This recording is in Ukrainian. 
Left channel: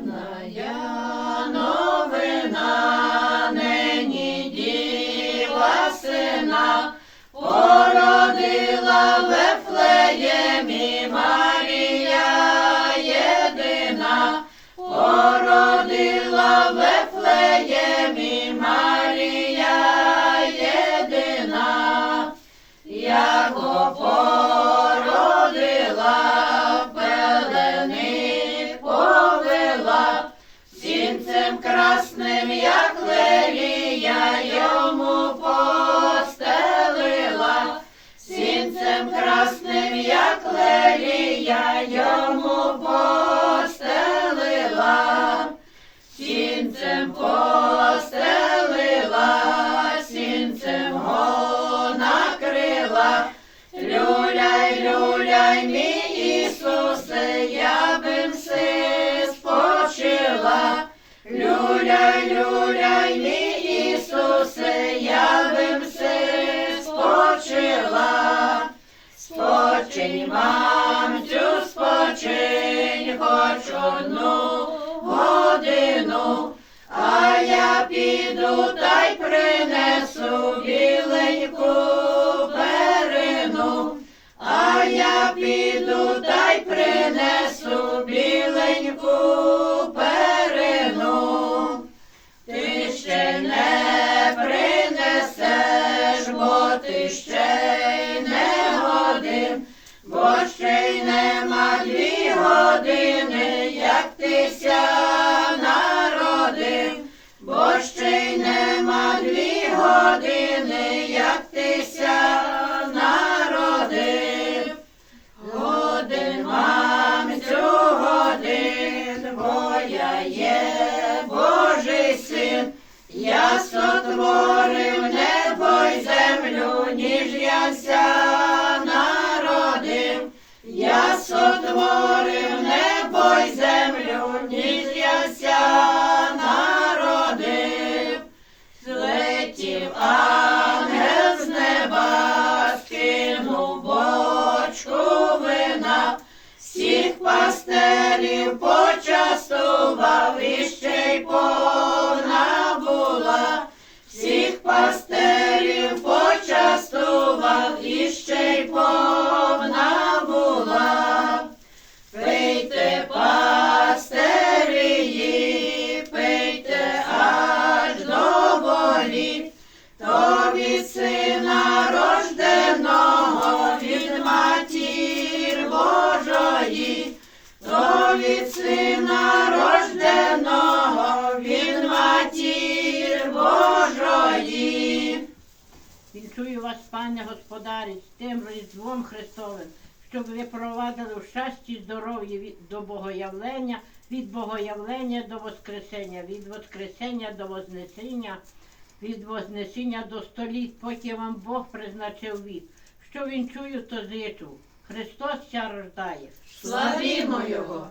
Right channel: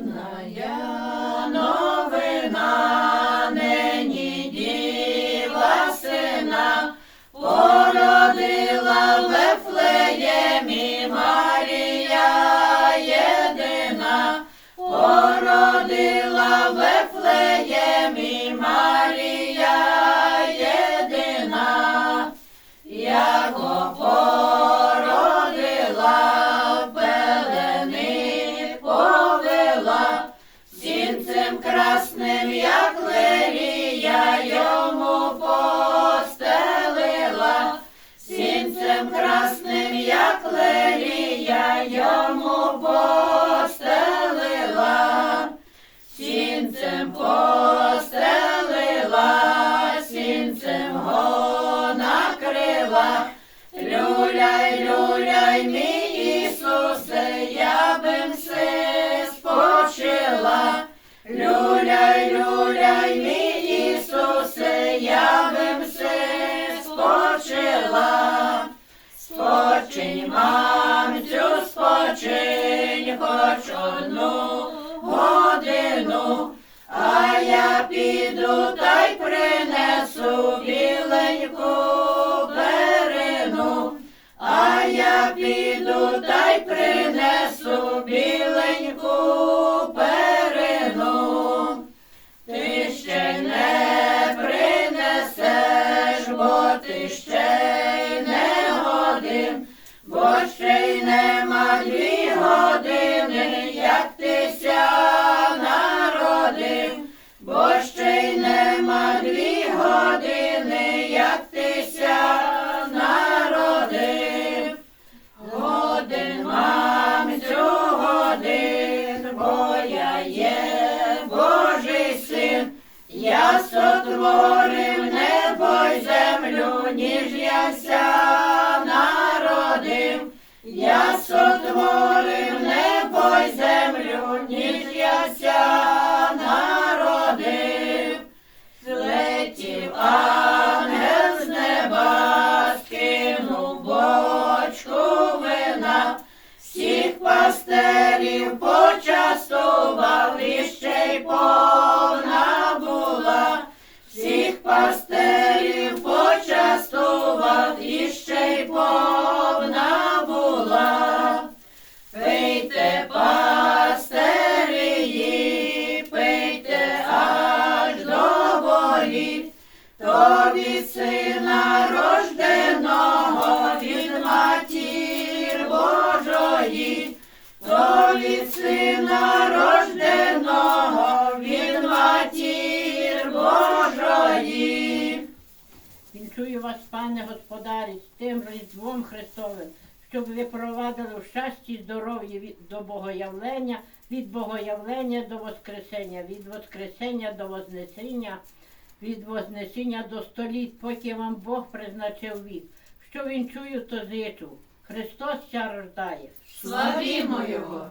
Дивная новина, нині діва сина, породила в Вифлеємі Марія красним, як лелія, йому постелила, сінцем красним, як лелія, йому постелила, сінцем постелила, сінцем го накрила. Люляй, люляй, мій Ісусе, я бим си спочила. Спочила. Спочинь, мамцю, спочинь, хоч одну годину, а я піду та бо ще й нема дві години, як ти ся народив, бо ще й нема дві години, як ти ся народив. Годин, мамцю, годин, бо я є Божий син, я сотворив я сотворив небо й землю, ніж я народив. Злетів ангел з неба, скинув бочку вина, всіх пастерів почастував, то від сина рожденого, від матір Божої, то від сина рожденого, від матір Божої. Вінчую вас, пане господарі, з тим Різдвом Христовим, щоб ви провадили в щасті й здоров'ї до Богоявлення, від Богоявлення до Воскресення, від Воскресення до Вознесення, від Вознесіння до століть, поки вам Бог призначив вік. Що він чую, то зичу. Христос ся рождає. Славімо Його!